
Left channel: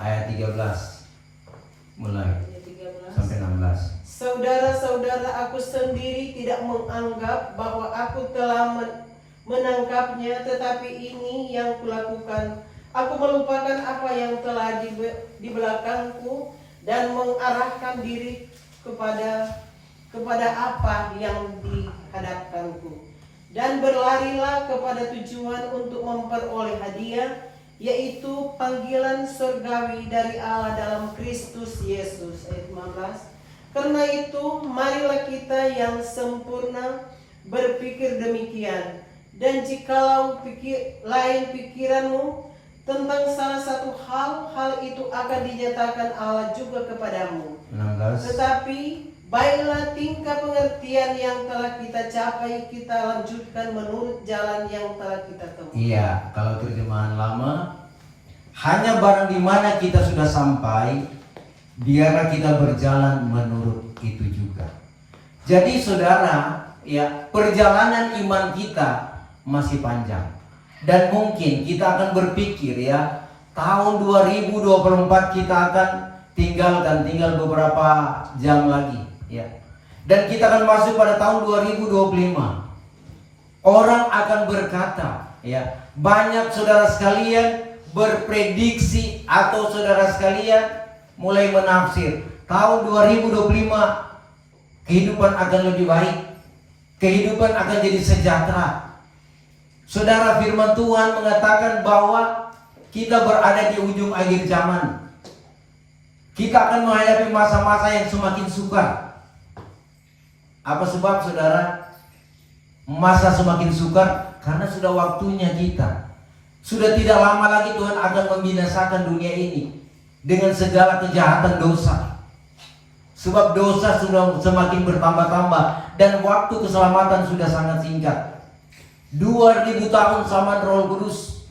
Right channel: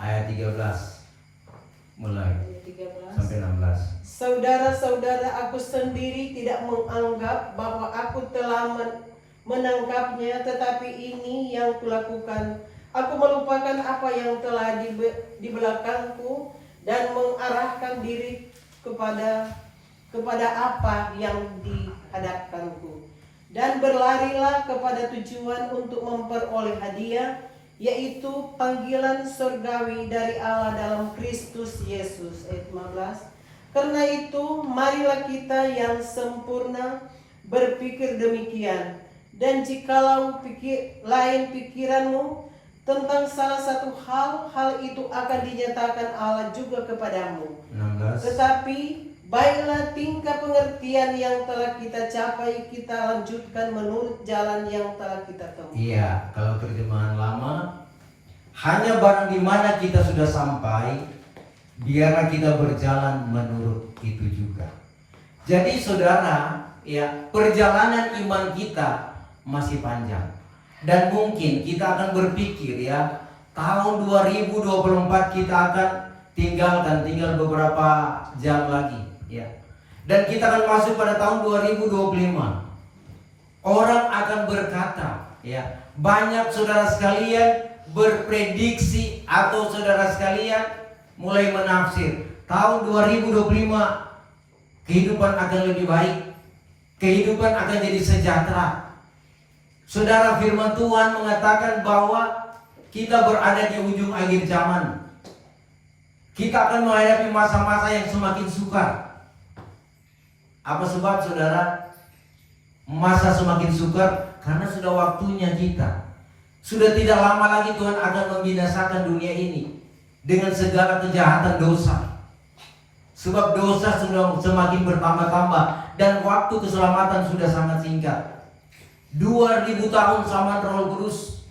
ayat 13 mulai sampai 16. Saudara-saudara, aku sendiri tidak menganggap bahwa aku telah menangkapnya, tetapi ini yang kulakukan. Aku melupakan apa yang telah di belakangku dan mengarahkan diri kepada apa yang di hadapanku. Dan berlarilah kepada tujuan untuk memperoleh hadiah, yaitu panggilan surgawi dari Allah dalam Kristus Yesus. Ayat 15. Karena itu, marilah kita yang sempurna berpikir demikian. Dan jikalau lain pikiranmu tentang salah satu hal itu akan dinyatakan Allah juga kepadamu. 16. Tetapi baiklah tingkah pengertian yang telah kita capai, kita lanjutkan menurut jalan yang telah kita tempuh. Iya, kalau terjemahan lama, hanya barang di mana kita sudah sampai, biarlah kita berjalan menurut itu juga. Jadi saudara, ya, perjalanan iman kita masih panjang. Dan mungkin kita akan berpikir, ya, tahun 2024 kita akan tinggal beberapa jam lagi, ya. Dan kita akan masuk pada tahun 2025. Orang akan berkata, ya, banyak saudara sekalian berprediksi atau saudara sekalian mulai menafsir tahun 2025 kehidupan akan lebih baik, kehidupan akan jadi sejahtera. Saudara, firman Tuhan mengatakan bahwa kita berada di ujung akhir zaman. Kita akan menghadapi masa-masa yang semakin sukar. Apa sebab, saudara? Masa semakin sukar karena sudah waktunya kita. Sudah tidak lama lagi Tuhan akan membinasakan dunia ini dengan segala kejahatan dosa. Sebab dosa sudah semakin bertambah-tambah dan waktu keselamatan sudah sangat singkat. 2000 tahun zaman Roh Kudus,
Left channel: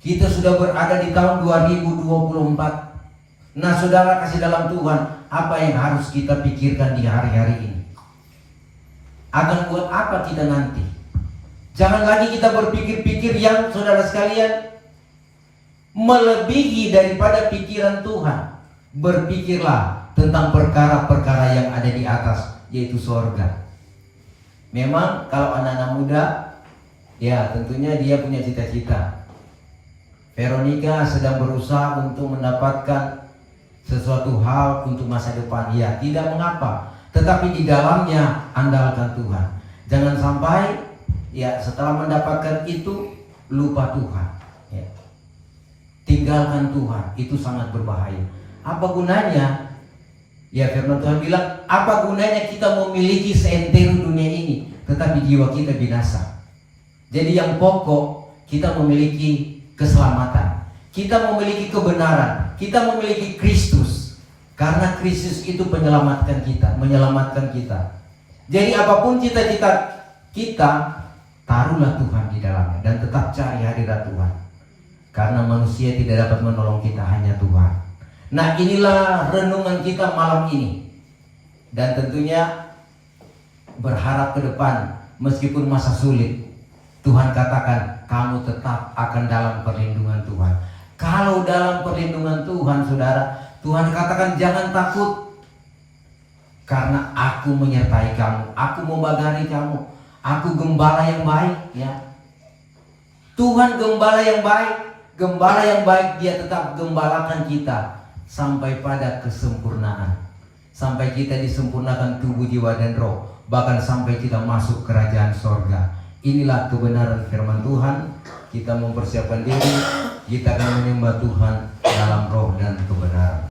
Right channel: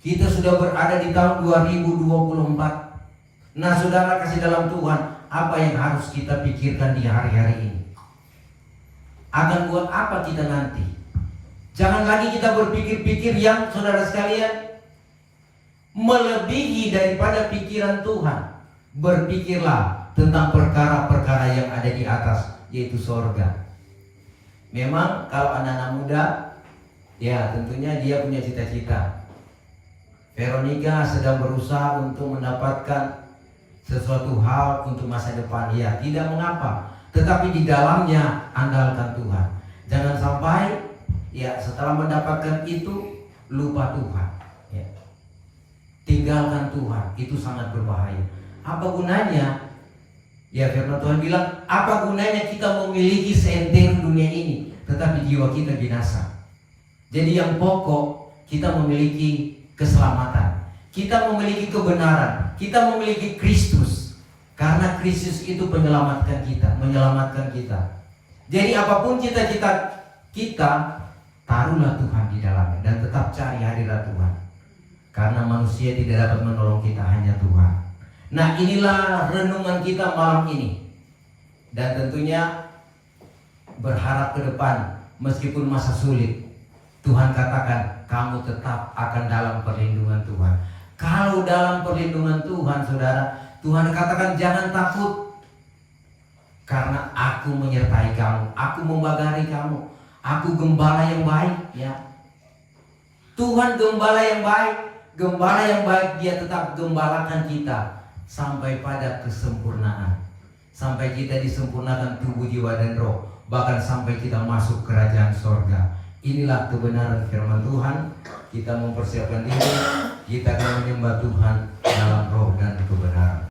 kita sudah berada di tahun 2024. Nah, saudara kasih dalam Tuhan, apa yang harus kita pikirkan di hari-hari ini? Akan buat apa kita nanti? Jangan lagi kita berpikir-pikir yang, saudara sekalian, melebihi daripada pikiran Tuhan. Berpikirlah tentang perkara-perkara yang ada di atas, yaitu sorga. Memang kalau anak-anak muda, ya tentunya dia punya cita-cita. Veronica sedang berusaha untuk mendapatkan sesuatu hal untuk masa depan. Ya, tidak mengapa. Tetapi di dalamnya andalkan Tuhan. Jangan sampai, ya, setelah mendapatkan itu lupa Tuhan. Ya. Tinggalkan Tuhan, itu sangat berbahaya. Apa gunanya? Ya, firman Tuhan bilang, apa gunanya kita memiliki seantero dunia ini, tetapi jiwa kita binasa. Jadi yang pokok, kita memiliki keselamatan, kita memiliki kebenaran, kita memiliki Kristus. Karena Kristus itu menyelamatkan kita. Jadi apapun cita-cita kita, taruhlah Tuhan di dalamnya dan tetap cari hadirat Tuhan. Karena manusia tidak dapat menolong kita, hanya Tuhan. Nah, inilah renungan kita malam ini. Dan tentunya berharap ke depan, meskipun masa sulit, Tuhan katakan kamu tetap akan dalam perlindungan Tuhan. Kalau dalam perlindungan Tuhan, saudara, Tuhan katakan jangan takut, karena aku menyertai kamu, aku membagari kamu, aku gembala yang baik, ya. Tuhan gembala yang baik, dia tetap gembalakan kita sampai pada kesempurnaan, sampai kita disempurnakan tubuh, jiwa, dan roh, bahkan sampai kita masuk kerajaan sorga. Inilah kebenaran firman Tuhan. Kita mempersiapkan diri, kita akan menyembah Tuhan dalam roh dan kebenaran.